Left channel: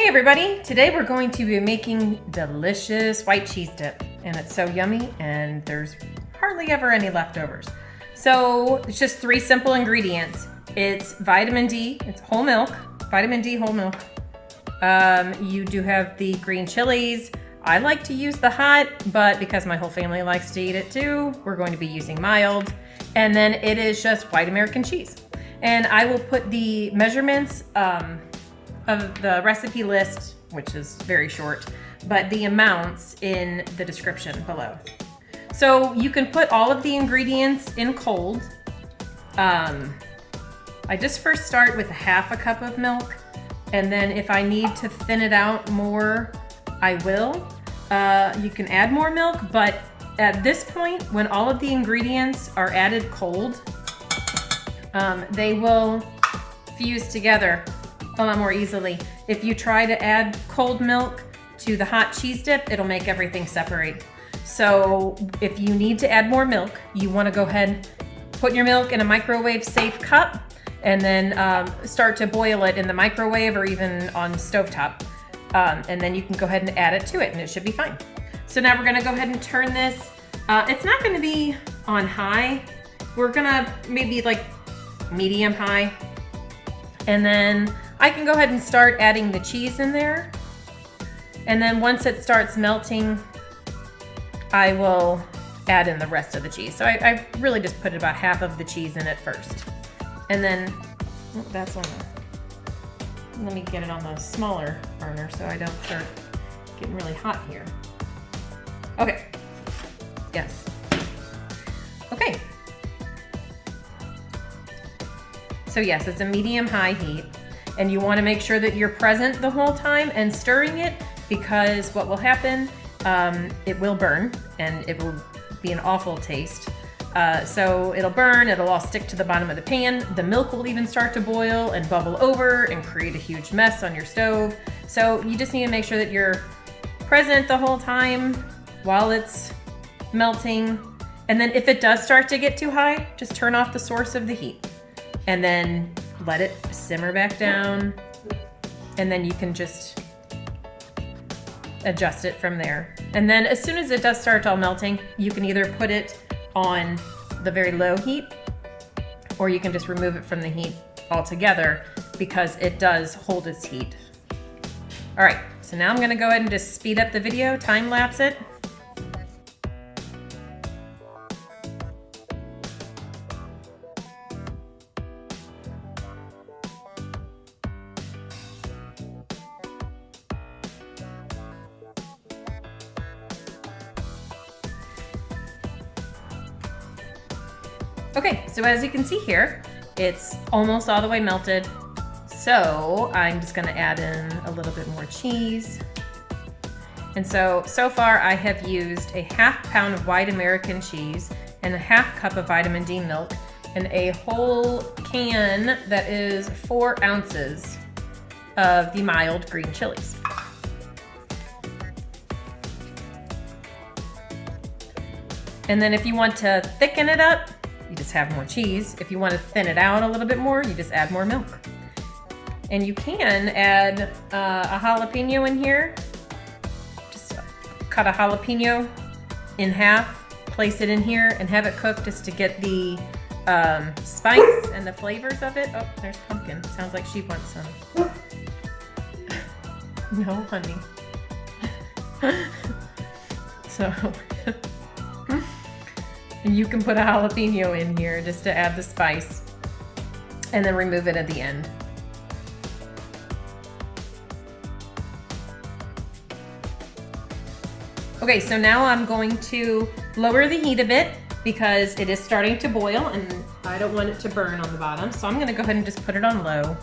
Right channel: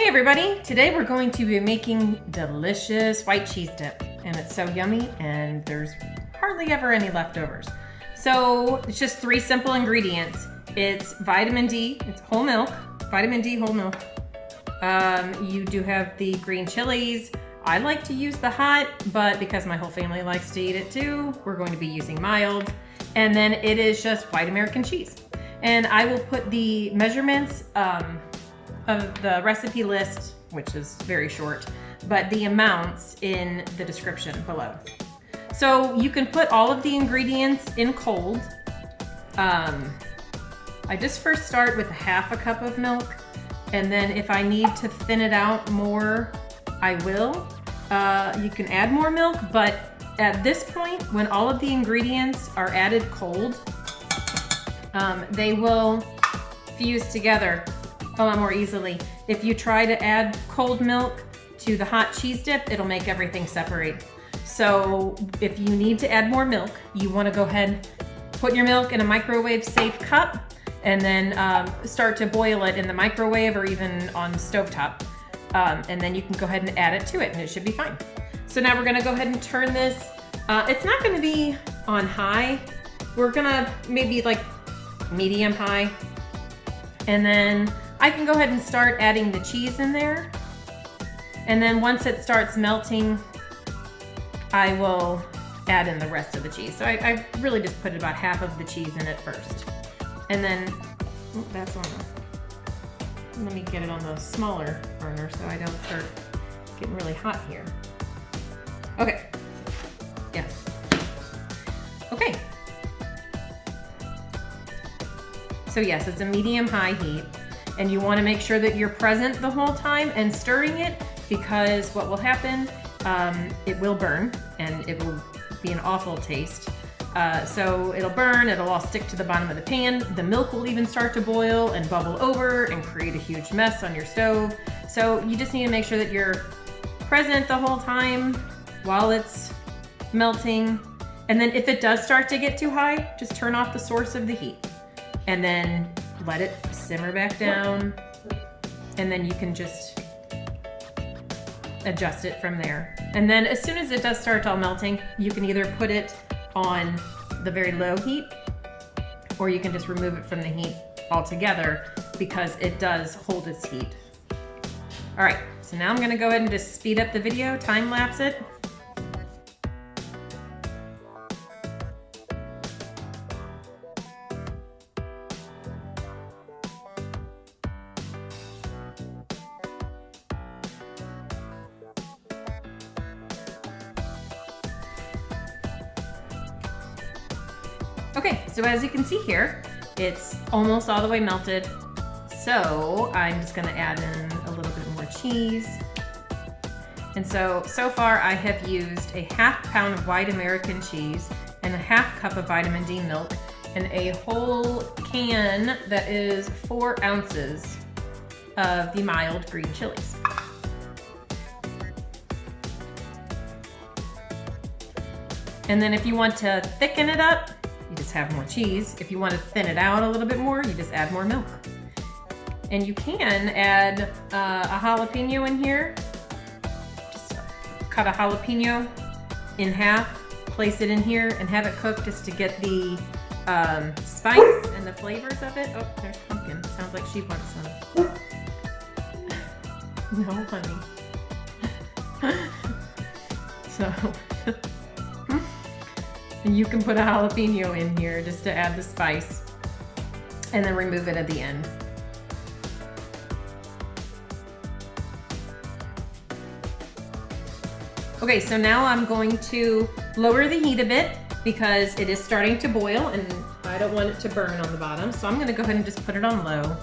Hey everybody, today we're going to be making delicious white cheese dip, and it's so yummy and there's hardly ever any leftovers. So it's just 3 simple ingredients. It's vitamin D, it's whole milk, vitamin D whole milk. You do have the green chilies. I like to use the hot, but because my whole family likes to eat it too, we're going to be using mild. And then it is just white American cheese. And I will put the measurements of the recipe list, which is very short, but the amounts in the description below. So you can put all of the ingredients in cold. I just first start with 1/2 cup of milk, and then if I need to thin it out more, I will. You can add more milk, but at this point, when all of the ingredients are added cold, they will fuse together a lot more easily. If you try to add cold milk to the hot cheese dip, it'll make everything separate. So if you need to add more milk, you want to go ahead, put your milk in a microwave safe cup, and then start to boil it in the microwave or even on the stovetop. And then you can go ahead and add it to it and it should be fine. So now we're gonna go ahead and turn this. It's not gonna be on high. We're gonna maybe like medium high. And then I can go ahead and start adding the cheese in there. And then once it starts melting, I will add in the rest of the cheese. So I really just put about 1/2 of the cheese in it first. And then, oh, that's on the, let me get it on the smaller burner so I don't start getting really hot here. Okay, yeah. Okay. So yes, it's a medium-high heat, and you want to make sure that you're present the whole time and stirring it, because what will happen, it will burn and it will be an awful taste. So it'll burn, it'll all stick to the bottom of the pan. The milk will even start to boil and bubble over and create a huge mess on your stove. So you just need to make sure that you're present the whole time while it's melting. And then if it does start to get too high, just turn off the source of the heat. And then let it simmer back down, and then you can just adjust it from there. And then as soon as it does start all melting, you can either put it on the very low heat, or you can just remove it from the heat altogether, because it does hold its heat. All right, so now I'm gonna go ahead and just speed up the video, time lapse it. Okay, so as you can see here, it's almost all the way melted. So I'm just gonna add in a little bit more cheese. And so far I have used a 1/2 pound of white American cheese and a 1/2 cup of vitamin D milk and a whole can that is 4 ounces of the mild green chilies. And then if you want to thicken it up, you just have more cheese. If you want to thin it out a little bit more, you just add more milk. And you can add a jalapeno in here. Just cut a jalapeno in half, place it in here, and have it cook just to get the spice and the flavors of it. Oh, there's pumpkin. Sounds like she wants some. No, honey. So... And you can put a jalapeno in here just to add the spice, and then remove it at the end. Okay, so now I'm going to lower the heat a bit because it is starting to boil and I don't want it to burn on the bottom. So I'm gonna go ahead and just put it on low.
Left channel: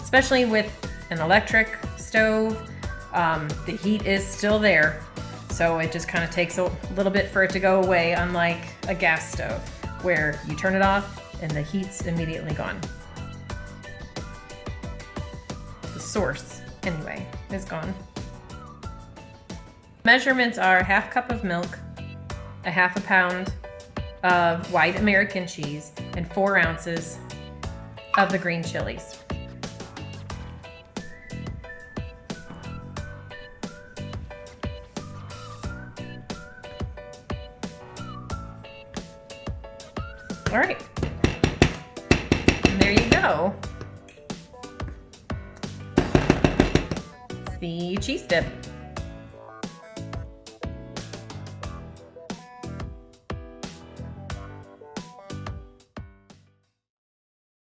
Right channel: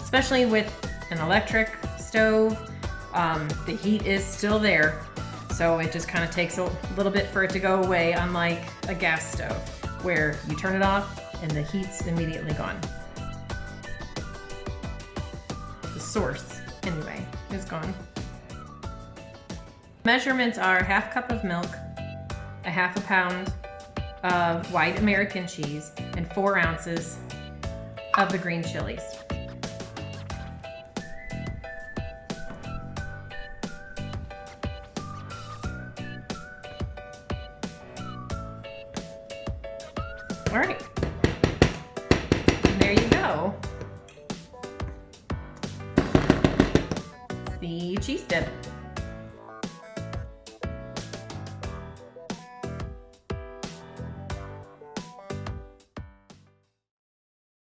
Especially with an electric stove, the heat is still there. So it just kind of takes a little bit for it to go away, unlike a gas stove, where you turn it off and the heat's immediately gone. The source, anyway, is gone. Measurements are 1/2 cup of milk, a 1/2 pound of white American cheese, and 4 ounces of the green chilies. All right. And there you go. The cheese dip.